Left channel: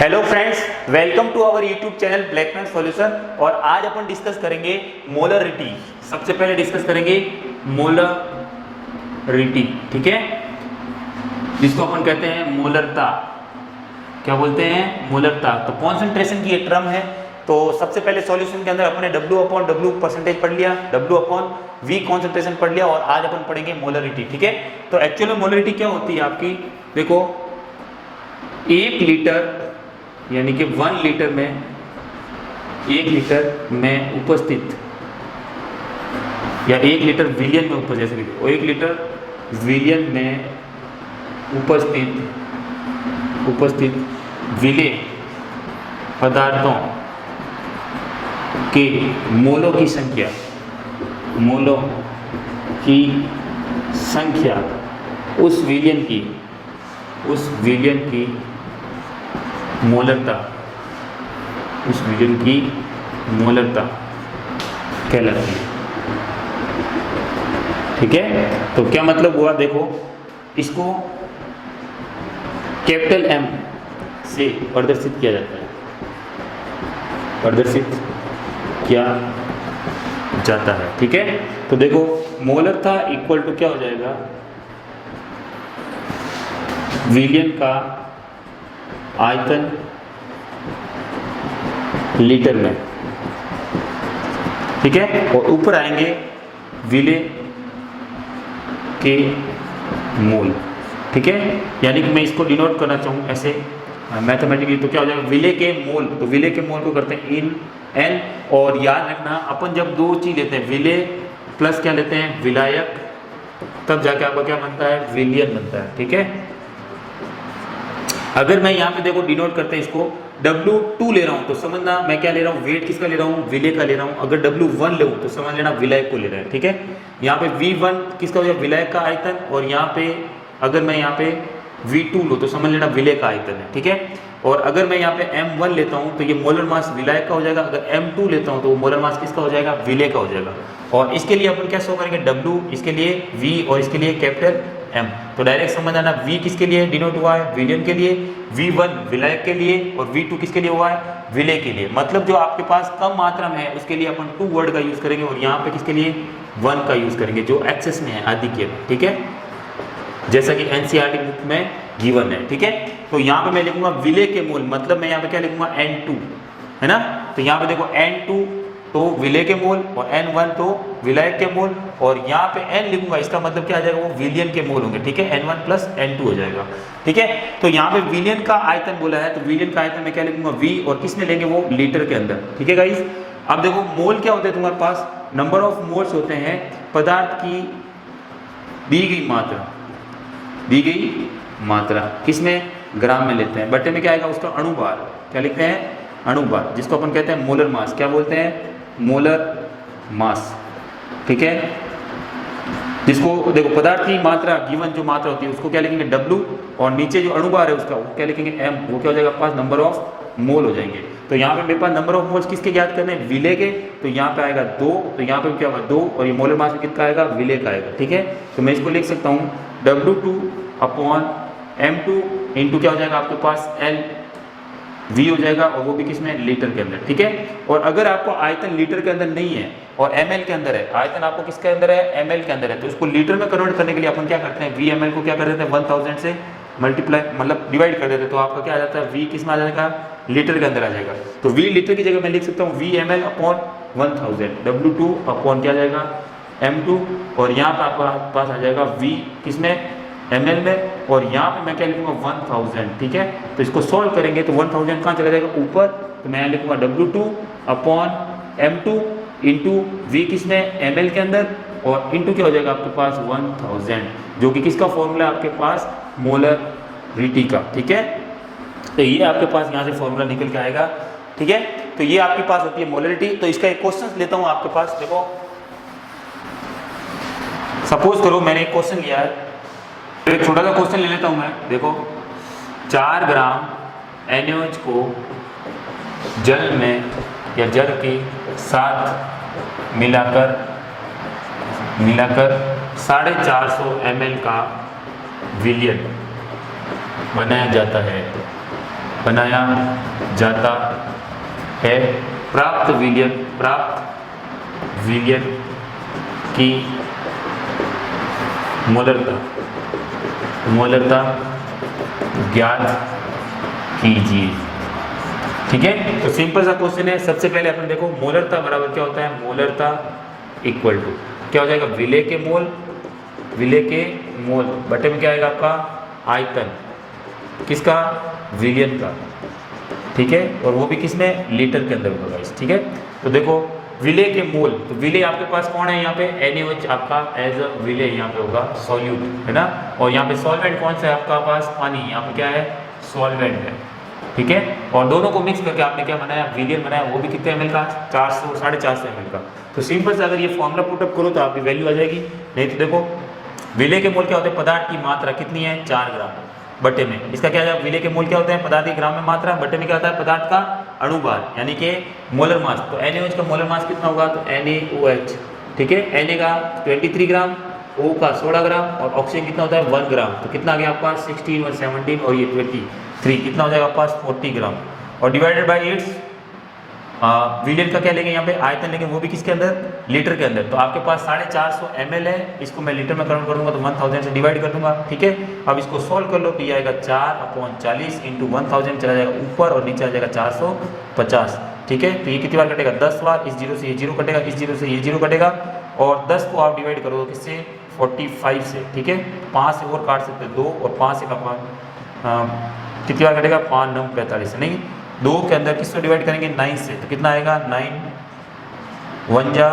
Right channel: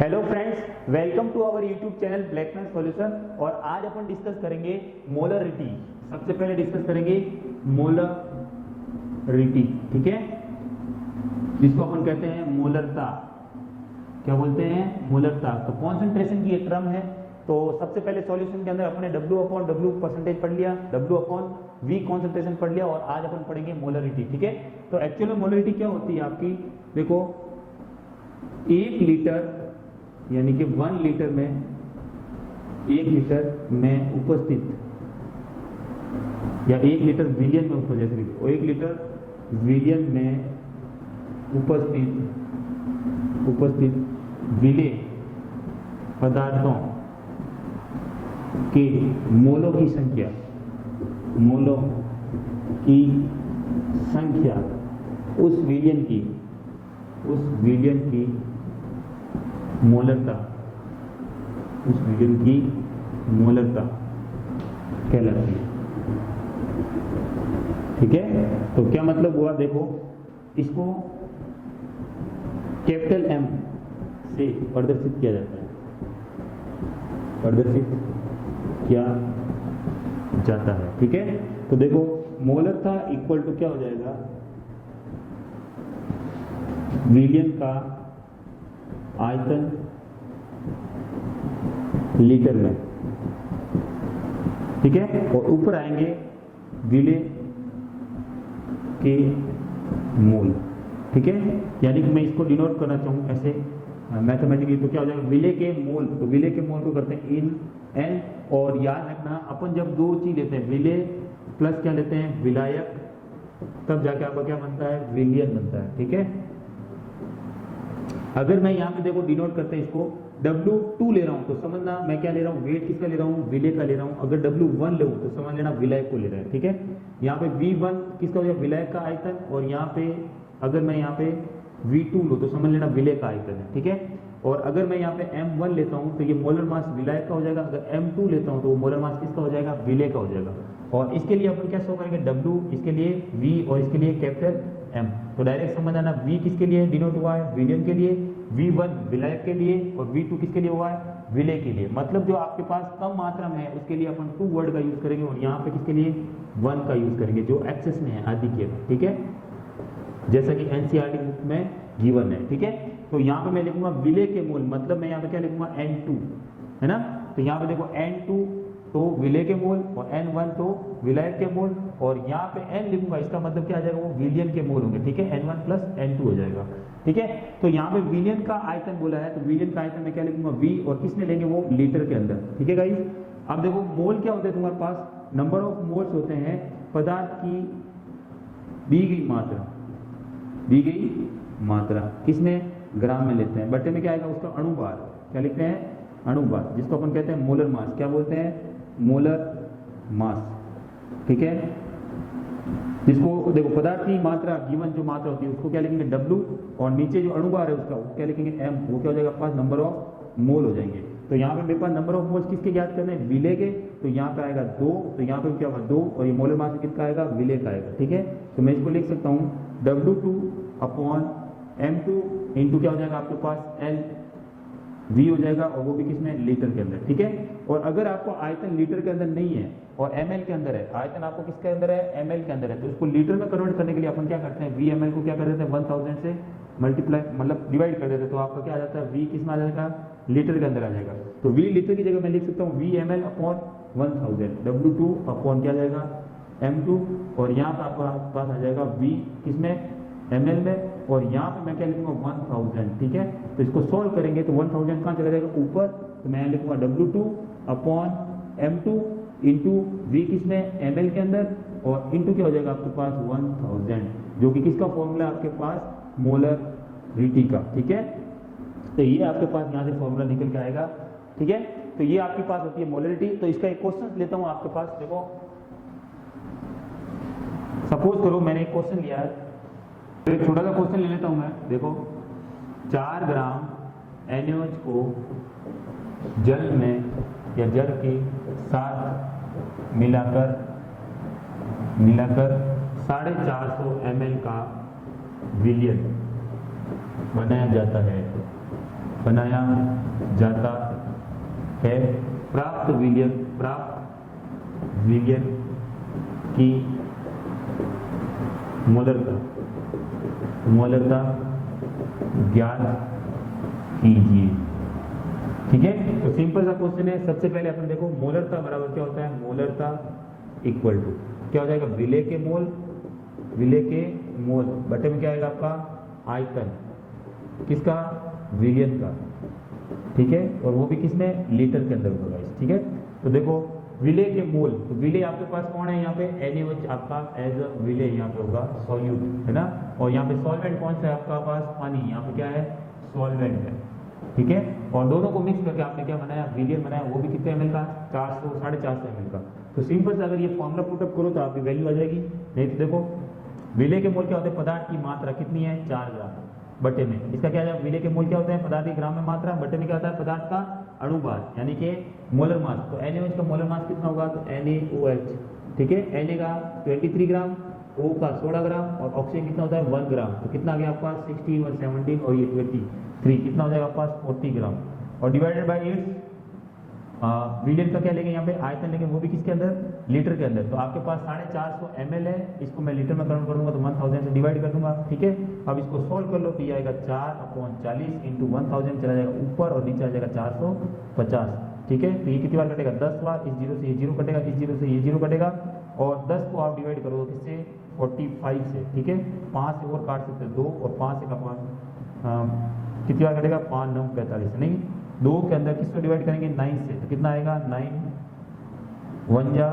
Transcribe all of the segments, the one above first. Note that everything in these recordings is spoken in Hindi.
Hello friends, welcome to our YouTube channel Blackman Solution. और आज अपन डिस्कस करेंगे मोलरिटी। सबसे पहले डिस्कस करेंगे मोलरिटी, ठीक है, जिसको अपन कहते हैं मोलरता। क्या बोलते हैं? मोलरता। तो कॉन्सेंट्रेशन की ये टर्म है। तो सबसे पहले सॉल्यूशन के अंदर अपने W/W परसेंटेज पढ़ लिया, W/V कॉन्सेंट्रेशन पढ़ लिया, और आज अपन पढ़ेंगे मोलरिटी, ठीक है। तो एक्चुअल में मोलरिटी क्या होती है आपकी? देखो, 1 लीटर यानी कि 1 लीटर में 1 लीटर में उपस्थित, या 1 लीटर विलियन में उपस्थित, जैसे 1 लीटर विलियन में उपस्थित विलेय पदार्थों के मोलों की संख्या उस विलियन की मोलरता कहलाती है, ठीक है। तो क्या मतलब हुआ? देखो, इसको कैपिटल M से प्रदर्शित किया जाता है, ठीक है। तो देखो, मोलरता इक्वल टू क्या हो जाएगा? विलियन का आयतन लीटर में, ठीक है। और ऊपर आएंगे विलेय के मोल, ठीक है। यानी कि मैं इसको डिनोट करना चाहूँ ऐसे मैथमेटिकली, तो क्या हो जाएगा? विलेय के मोल। तो विलेय के मोल को करते हैं इन N। और याद रखना, अपन जब दो चीज लेते हैं, विलेय प्लस क्या लेते हैं? विलायक, तब जाके आपका क्या बनता है? विलियन बनता है, ठीक है। अगर मैं यहाँ पे देखो डिनोट करते हैं इसको, W2 ले रहा हूँ तो समझना मैं क्या ले रहा हूँ? वेट किसका ले रहा हूँ? विलेय का ले रहा हूँ। अगर W1 ले तो समझ लेना विलायक को ले रहा है, ठीक है। यहाँ पे V1 किसका हो जाएगा? विलायक का आयतन। और यहाँ पे अगर मैं यहाँ पे V2 लूँ तो समझ लेना विलेय का आयतन है, ठीक है। और अगर मैं यहाँ पे M1 लेता हूँ तो ये मोलर मास विलायक का हो जाएगा। अगर M2 लेता हूँ तो मोलर मास किसका हो जाएगा? विलेय का हो जाएगा। और इसके लिए अपन क्या शो करेंगे? W, इसके लिए V, और इसके लिए कैपिटल M। तो डायरेक्ट समझ आना, V किसके लिए डिनोट हुआ है? विलियन के लिए। V1 विलायक के लिए, और V2 किसके लिए हुआ है? विलेय के लिए। मतलब जो आपके पास कम मात्रा में है उसके लिए अपन 2 वर्ड का यूज करेंगे, और यहाँ पे किसके लिए? 1 का यूज करेंगे, जो एक्सेस में है, आधिक्य में, ठीक है, जैसा कि NCERT बुक में गिवन है, ठीक है। तो यहाँ पे मैं लिखूंगा विलेय के मोल, मतलब मैं यहाँ पे क्या लिखूंगा? N2, है ना। तो यहाँ पे देखो, N2 तो विलेय के मोल, और N1 तो विलायक के मोल, और यहाँ पे N लिखूंगा, इसका मतलब क्या आ जाएगा? वो विलियन के मोल होंगे, ठीक है। N1 प्लस N2 हो जाएगा, ठीक है। तो यहाँ पे विलियन का आयतन बोला है, तो विलियन का आयतन में क्या लिखूंगा? V, और किसमें लेंगे? वो लीटर के अंदर, ठीक है गाइस। अब देखो, मोल क्या होते हैं तुम्हारे पास? नंबर ऑफ मोल्स होते हैं पदार्थ की दी गई मात्रा, किसमें? ग्राम में लेते हैं। बट्टे में क्या आएगा? उसका अणुभार। क्या लिखते हैं? अणुभार, जिसको अपन कहते हैं मोलर मास। क्या बोलते हैं? मोलर मास, ठीक है। जिसको देखो, पदार्थ की मात्रा, गिवन जो मात्रा होती है उसको क्या लिखेंगे? W, और नीचे जो अणुभार है उसका वो क्या लिखेंगे? M। वो क्या हो जाएगा? पास नंबर ऑफ मोल हो जाएंगे। तो यहाँ पे मेरे पास नंबर ऑफ मोल्स किसके ज्ञात करने हैं? विलेय के। तो यहाँ पे आएगा 2, तो यहाँ पे क्या होगा? 2, और ये मोलर मास में कितना आएगा? विलेय का आएगा, ठीक है। तो मैं इसको लिख सकता हूँ W2/M2 इंटू क्या हो जाएगा आपके पास? LV हो जाएगा, और वो भी किसमें? लीटर के अंदर, ठीक है। और अगर आपको आयतन लीटर के अंदर नहीं है और ml के अंदर है, आयतन आपको किसके अंदर है? ml के अंदर है, तो उसको लीटर में कन्वर्ट करने के लिए अपन क्या करते हैं? VML को क्या कर देते हैं? 1000 से मल्टीप्लाई, मतलब डिवाइड कर देते हैं, तो आपका क्या आ जाता है? V किस में आ जाएगा? लीटर के अंदर आ जाएगा। तो V लीटर की जगह मैं लिख सकता हूँ VML/1000, W2 क्या जाएगा? M2, और यहाँ पर आपके पास आ जाएगा V किसमें? ml में, और यहाँ पे मैं क्या लिखूंगा? 1000, ठीक है। तो इसको सॉल्व करेंगे तो 1000 कहाँ चला जाएगा? ऊपर। तो मैं यहाँ लिखूंगा W2/M2 इंटू V किसमें? ml के अंदर, और इंटू क्या हो जाएगा आपके पास? 1000, जो कि किसका फॉर्मूला है आपके पास? मोलरिटी का, ठीक है। तो ये आपके पास यहाँ से फॉर्मूला निकल के आएगा, ठीक है। तो ये आपके पास होती है मोलरिटी। तो इसका एक क्वेश्चन लेता हूँ आपके पास। देखो, सपोज करो मैंने एक क्वेश्चन लिया है, एक छोटा सा क्वेश्चन ले लेता हूं मैं। देखो, 4 ग्राम NaOH को जल में या जल के साथ मिलाकर 450 ml का विलियन बनाया जाता है। बनाया जाता है। प्राप्त विलयन की मोलरता ज्ञात कीजिए। ठीक है, तो सिंपल सा क्वेश्चन है। सबसे पहले अपन देखो मोलरता बराबर क्या होता है, मोलरता इक्वल टू क्या हो जाएगा, विलय के मोल बटे में क्या आएगा आपका आयतन, किसका, विलयन का। ठीक है, और वो भी किसमें, लीटर के अंदर होगा गाइस। ठीक है, तो देखो विलय के मोल, तो विलय आपके पास कौन है यहाँ पे, NaOH आपका एज अ विलय यहाँ पे होगा, सॉल्यूट है ना। और यहाँ पे सॉल्वेंट कौन सा है आपका पास, पानी, यहाँ पे क्या है, सॉल्वेंट है। ठीक है, और दोनों को मिक्स करके आपने क्या बनाया, विलयन बनाया, वो भी कितने ml का, 400 450 ml का। तो सिंपल से अगर ये फॉर्मूला पुटअप करो तो आपकी वैल्यू आ जाएगी। नहीं तो देखो विलय के मोल क्या होते हैं, पदार्थ की मात्रा कितनी है, 4 ग्राम बटे में, इसका क्या है, विलय के मोल क्या होते हैं, पदार्थ की ग्राम में मात्रा, बटे में क्या होता है, पदार्थ का अणुभार यानी कि मोलर मास। तो NaOH का मोलर मास कितना होगा, तो NaOH, ठीक है, Na का 23 ग्राम, O का 16 ग्राम, और ऑक्सीजन कितना होता है 1 ग्राम। तो कितना आ गया आपका 16 और 17 और ये 23, कितना हो जाएगा आपके पास 40 ग्राम, और डिवाइडेड बाई 8। विलियन का क्या लेंगे यहाँ पे, आयतन लेंगे, वो भी किसके अंदर, लीटर के अंदर। तो आपके पास 450 ml है, इसको मैं लीटर में कन्वर्ट कर दूंगा तो 1000 से डिवाइड कर दूंगा। ठीक है, अब इसको सोल्व कर लो तो ये आएगा 4/40 इंटू 1000 चला जाएगा ऊपर और नीचे आ जाएगा 450। ठीक है, तो ये कितनी बार कटेगा, 10 बार, इस जीरो से ये जीरो कटेगा, इस जीरो से ये जीरो कटेगा, और 10 को आप डिवाइड करोगे किससे, 45 से। ठीक है, 5 से और काट सकते हैं 2, और 5 से का कितनी बार कटेगा, 5 9 45 नहीं, 2 के अंदर किसको डिवाइड करेंगे, 9 से, तो कितना आएगा, 9 1 जा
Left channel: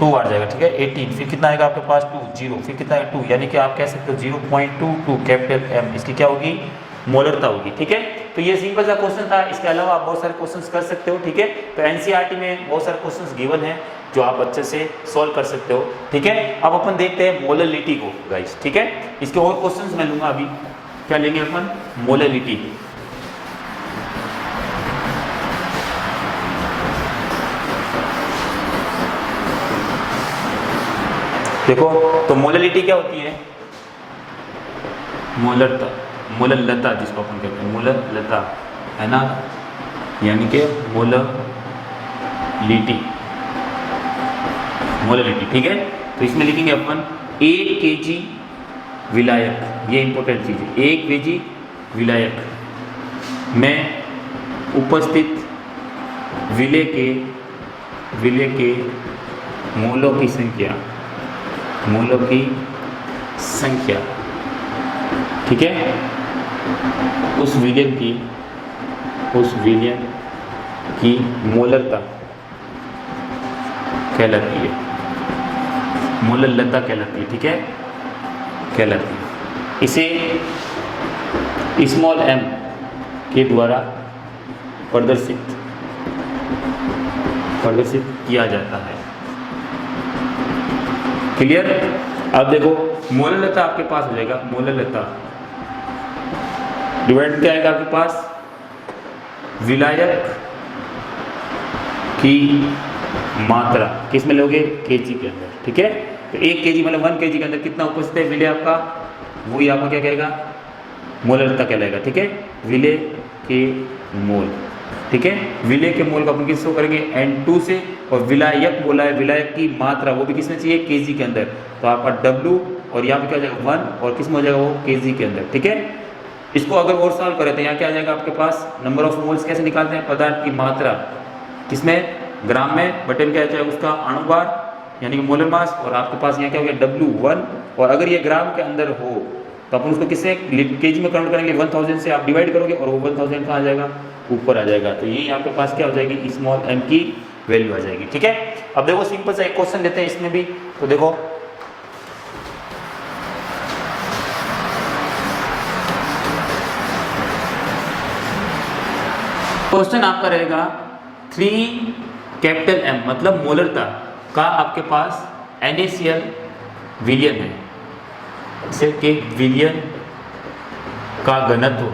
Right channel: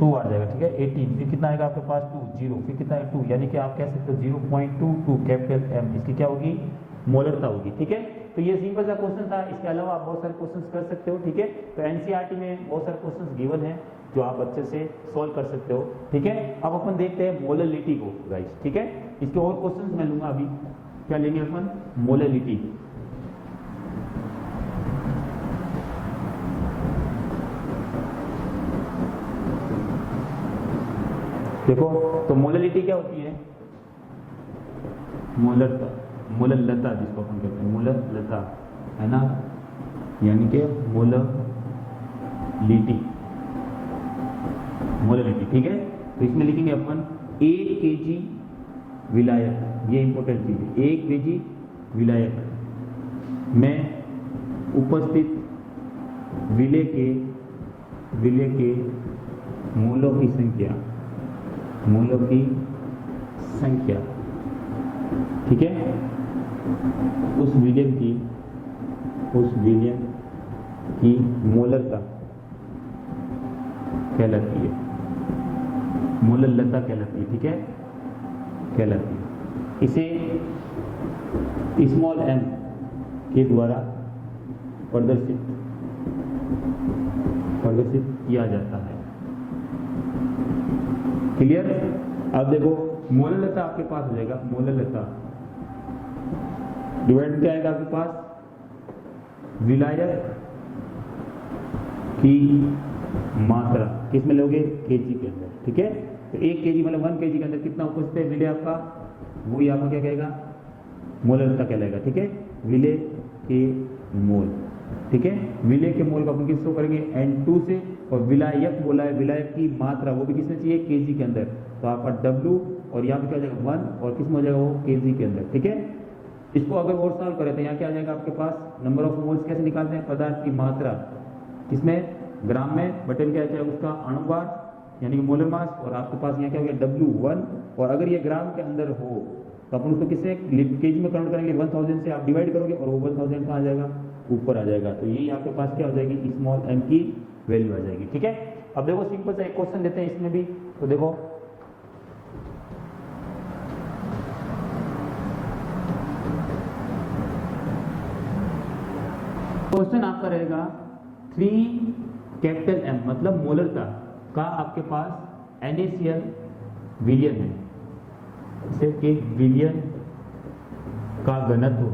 2 आ जाएगा। ठीक है, 18, फिर कितना आएगा आपके पास 2 0, फिर कितना है 2, यानी कि आप कह सकते हो 0.22 कैपिटल M, इसकी क्या होगी, मोलरता होगी। ठीक है, तो ये सिंपल सा क्वेश्चन था, इसके अलावा आप बहुत सारे क्वेश्चंस कर सकते हो। ठीक है, तो NCERT में बहुत सारे क्वेश्चंस गिवन है जो आप अच्छे से सॉल्व कर सकते हो। ठीक है, अब अपन देखते हैं मोलरिटी को गाइस। ठीक है, इसके और क्वेश्चंस मैं लूंगा अभी, क्या लेंगे अपन, मोलरिटी। देखो तो मोलरिटी क्या होती है, मोलरता जिसको अपन कहते हैं, मोलरता है ना, यानी कि मोलरिटी। ठीक है, तो इसमें लिखेंगे अपन 1 kg विलायक, ये इंपॉर्टेंट चीज है, 1 kg विलायक में उपस्थित विलय के मोलों की संख्या। ठीक है, उस विलयन की मोलरता कहलाती है, मोलरता कहलाती है। ठीक है, कहलाती है, इसे स्मॉल m के द्वारा प्रदर्शित किया जाता है। क्लियर। अब देखो मोलरता आपके पास हो जाएगा, मोलरता डिवाइड क्या आएगा आपके पास, विलायक की मात्रा किस में लोगे, केजी के अंदर। ठीक है, तो 1 kg मतलब 1 kg के अंदर कितना उपस्थित है विलय आपका, वही आपका क्या कहेगा, मोलरता कहलाएगा। ठीक है, विलय के मोल। ठीक है, विलय के मोल का अपन किसको करेंगे, N2 से, और विलायक बोला है, विलायक की मात्रा वो भी किसमें चाहिए, केजी के अंदर। तो आपका W और यहाँ पे क्या हो जाएगा 1, और किस में हो जाएगा वो, केजी के अंदर। ठीक है, इसको अगर और सॉल्व करें तो यहाँ क्या आ जाएगा आपके पास, नंबर ऑफ मोल्स कैसे निकालते हैं, पदार्थ की मात्रा किसमें, ग्राम में, बटे में क्या हो जाएगा उसका अणुभार यानी कि मोलर मास, और आपके पास यहाँ क्या हो गया W1, और अगर ये ग्राम के अंदर हो तो अपन उसको किससे, केजी में कन्वर्ट करेंगे, 1000 से आप डिवाइड करोगे और वो 1000 कहाँ आ जाएगा, ऊपर आ जाएगा। तो ये आपके पास क्या हो जाएगी, स्मॉल m की वैल्यू आ जाएगी। ठीक है, अब देखो सिंपल सा एक क्वेश्चन लेते हैं इसमें भी। तो देखो क्वेश्चन आपका रहेगा 3 कैपिटल M मतलब मोलरता का आपके पास NaCl विलयन है, इसे के विलयन का घनत्व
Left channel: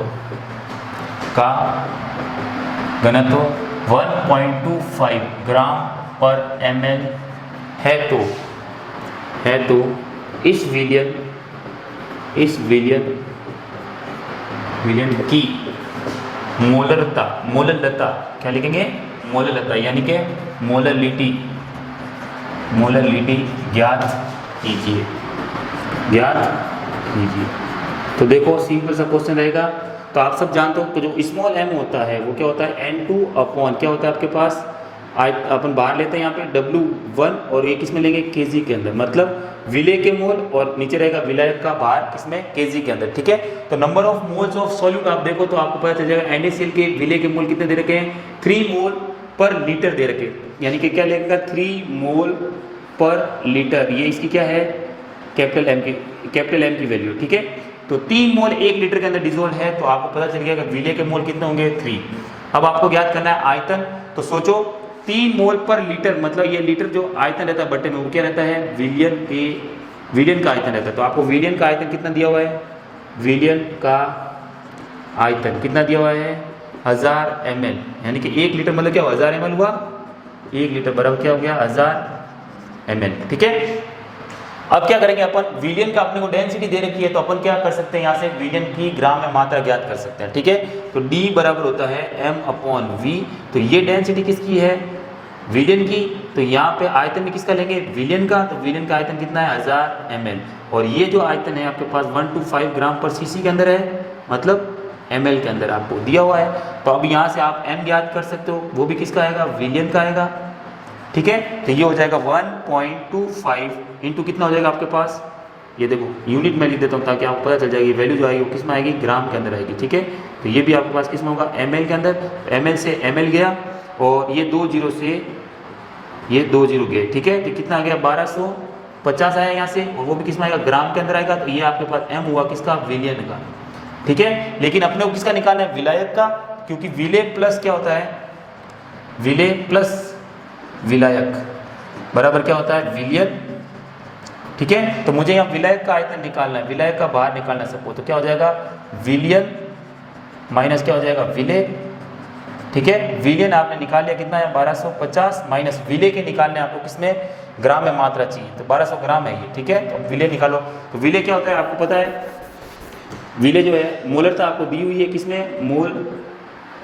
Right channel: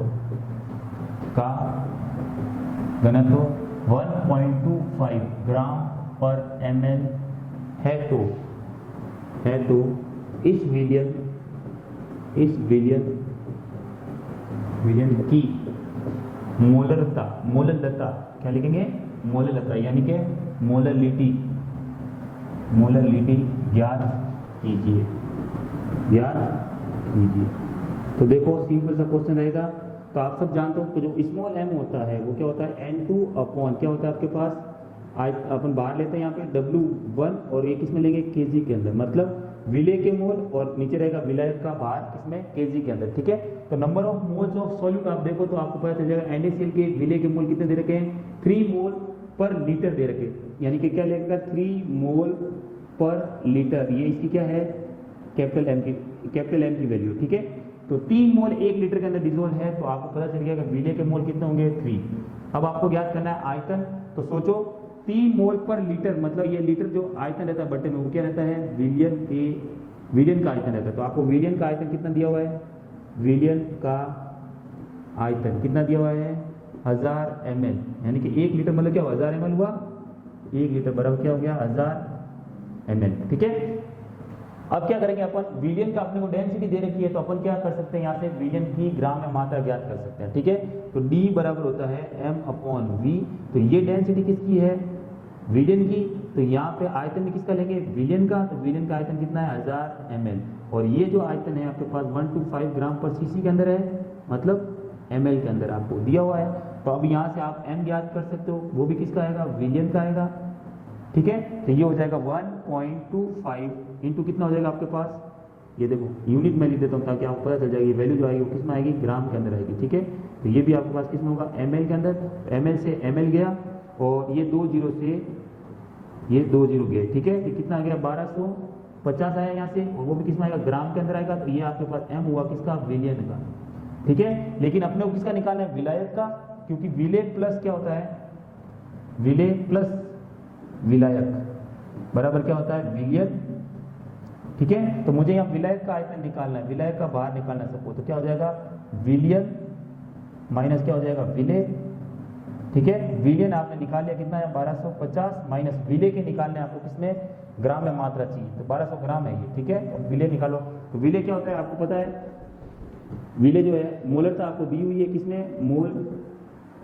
1.25 ग्राम पर ml है। तो इस विलयन मोलरता, मोलरता क्या लिखेंगे? मोलरता, यानी कि मोलरिटी, मोलरिटी ज्ञात कीजिए, ज्ञात कीजिए। तो देखो सिंपल सा क्वेश्चन रहेगा। तो आप सब जानते हो कि जो स्मॉल m होता है वो क्या होता है? N2 अपॉन क्या होता है आपके पास? अपन बाहर लेते हैं यहाँ पे W1 और ये किसमें लेंगे? kg के अंदर, मतलब विलेय के मोल और नीचे रहेगा विलायक का भार किसमें? kg के अंदर, ठीक है। तो number of moles of solute आप देखो तो आपको पता चल जाएगा NaCl के विलेय के मोल कितने दे रखे हैं? 3 मोल पर लीटर दे रखे, यानी कि क्या लगेगा? 3 मोल पर लीटर। ये इसकी क्या है? कैपिटल M की वैल्यू, ठीक है। तो 3 मोल 1 लीटर के अंदर डिजोल्व है, तो आपको पता चल गया कि विलेय के मोल कितने होंगे? 3। अब आपको ज्ञात करना है आयतन। तो सोचो 3 मोल पर लीटर, मतलब ये लीटर जो आयतन रहता है बट्टे में वो क्या रहता है? विलियन का आयतन रहता है। तो आपको विलियन का आयतन कितना दिया हुआ है? विलियन का आयतन कितना दिया हुआ है? 1000 ml, यानी कि 1 लीटर मतलब क्या हुआ? 1000 ml हुआ। 1 लीटर बराबर क्या हो गया? 1000 ml, ठीक है। अब क्या करेंगे अपन? विलियन का अपने को डेंसिटी दे रखी है, तो अपन क्या कर सकते हैं? यहाँ से विलियन की ग्राम में मात्रा ज्ञात कर सकते हैं, ठीक है। तो D बराबर होता है M/V। तो ये डेंसिटी किसकी है? विलियन की। तो यहाँ पे आयतन भी किसका लेंगे? विलियन का। तो विलियन का आयतन कितना है? 1000 ml। और ये जो आयतन है आपके पास 125 ग्राम पर cc के अंदर है, मतलब ml के अंदर आपको दिया हुआ है। तो अब यहाँ से आप m ज्ञात कर सकते हो, वो भी किसका आएगा? विलियन का आएगा, ठीक है। तो ये हो जाएगा 1.25 इंटू कितना हो जाएगा आपके पास? ये देखो यूनिट में लिख देता हूँ ताकि आपको पता चल जाएगी वैल्यू जो आएगी वो किस में आएगी? ग्राम के अंदर आएगी, ठीक है। तो ये भी आपके पास किस में होगा? ml के अंदर। ml से ml गया और ये 2 जीरो से ये 2 जीरो गए, ठीक है। तो कितना आ गया? 1250 आया यहाँ से, और वो भी किस में आएगा? ग्राम के अंदर आएगा। तो ये आपके पास m हुआ किसका? विलियन का, ठीक है। लेकिन अपने को किसका निकालना है? विलायक का, क्योंकि विलेय प्लस क्या होता है? विलेय प्लस विलायक बराबर क्या होता है? विलियन, ठीक है। तो मुझे यहाँ विलायक का आयतन निकालना है, विलायक का भार निकालना है सबको। तो क्या हो जाएगा? विलियन माइनस क्या हो जाएगा? विलेय, ठीक है। विलियन आपने निकाल लिया, कितना है? 1250 माइनस विलेय के निकालने आपको किसमें? ग्राम में मात्रा चाहिए, तो 1200 ग्राम है ये, ठीक है। तो विलेय निकालो। तो विलेय क्या होता है आपको पता है? विलेय जो है मोलरता आपको दी हुई है किसमें? मोल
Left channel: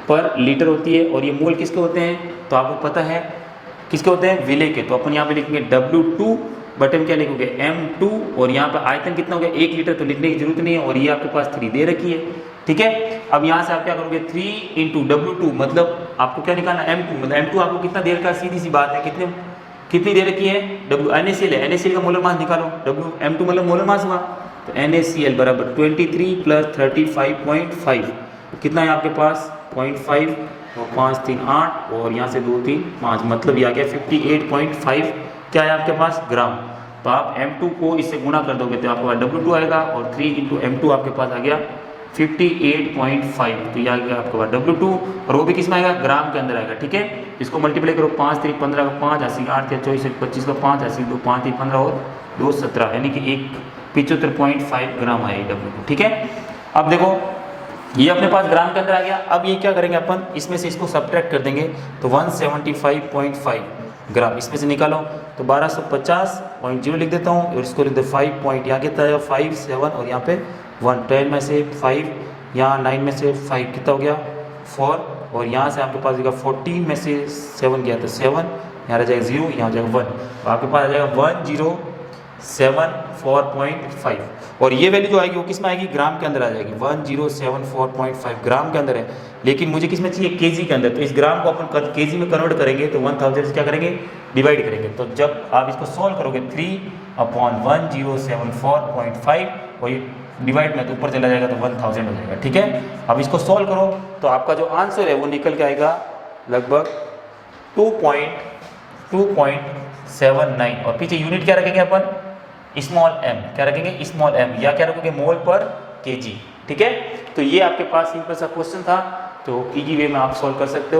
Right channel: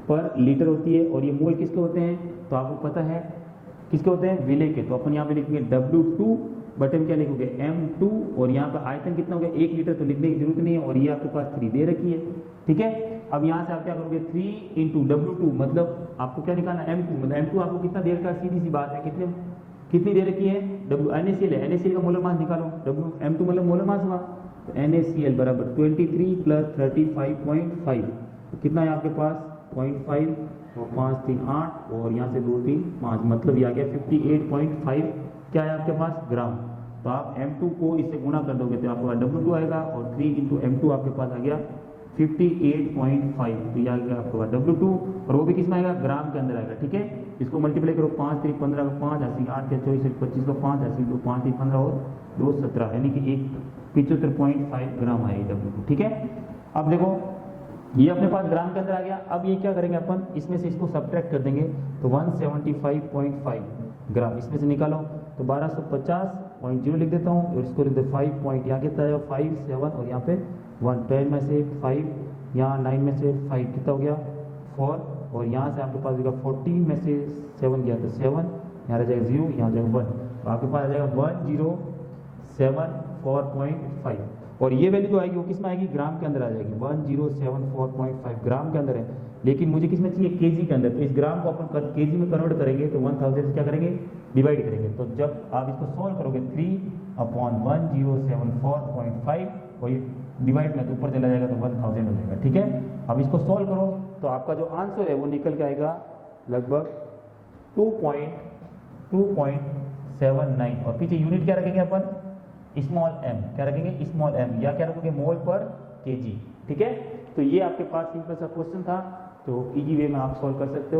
पर लीटर होती है। और ये मोल किसके होते हैं? तो आपको पता है किसके होते हैं? विलेय के। तो अपन यहाँ पे लिखेंगे W2 बटे में क्या लिखोगे? M2। और यहाँ पे आयतन कितना हो गया? 1 लीटर, तो लिखने की जरूरत नहीं है। और ये आपके पास 3 दे रखी है, ठीक है। अब यहाँ से आप क्या करोगे? 3 इंटू W2, मतलब आपको क्या निकालना? M2, मतलब M2 आपको कितना दे रखा है? सीधी सी बात है, कितनी दे रखी है? NaCl है, NaCl का मोलर मास निकालो। M2 मतलब मोलर मास हुआ। तो NaCl बराबर 23 प्लस 35.5 कितना है आपके पास? 0.5 और 5 3 8 और यहाँ से 2 3 5, मतलब ये आ गया 58.5 क्या है आपके पास? ग्राम। तो आप M2 को इससे गुणा कर दोगे तो आपके पास W2 आएगा, और 3 इंटू M2 आपके पास आ गया 58.5। तो ये आ गया आपके पास W2, और वो भी किस में आएगा? ग्राम के अंदर आएगा, ठीक है। इसको मल्टीप्लाई करो, 5 3 15 का 5, 80 8 24 25 का 5, 80 2 5 3 15 और 2 17, यानी कि 75.5 ग्राम आएगा W2, ठीक है। अब देखो ये अपने पास ग्राम के अंदर आ गया। अब ये क्या करेंगे अपन? इसमें से इसको सब्ट्रैक्ट कर देंगे, तो 175.5 ग्राम इसमें से निकालो। तो 1250.0 लिख देता हूँ, और इसको लिख दो 5 पॉइंट, यहाँ कितना है? 5 7 और यहाँ पे 1, 12 में से 5, यहाँ 9 में से 5 कितना हो गया? 4, और यहाँ से आपके पास आएगा 14 में से 7 गया तो 7, यहाँ रह जाएगा 0, यहाँ हो जाएगा 1, तो आपके पास आ जाएगा 1074.5। और ये वैल्यू जो आएगी वो किस में आएगी? ग्राम के अंदर आ जाएगी। 1074.5 ग्राम के अंदर है, लेकिन मुझे किस में चाहिए? केजी के अंदर। तो इस ग्राम को अपन केजी में कन्वर्ट करेंगे तो 1000 से क्या करेंगे? डिवाइड करेंगे। तो जब आप इसको सॉल्व करोगे 3/1074.5 और ये डिवाइड में तो ऊपर चला जाएगा तो 1000 हो जाएगा, ठीक है। अब इसको सॉल्व करो तो आपका जो आंसर है वो निकल के आएगा लगभग 2.79, और पीछे यूनिट क्या रखेंगे अपन? स्मॉल m, क्या रखेंगे? स्मॉल m, या क्या रखोगे? मोल पर केजी, ठीक है। तो ये आपके पास सिंपल सा क्वेश्चन था, तो इजी वे में आप सॉल्व कर सकते हो।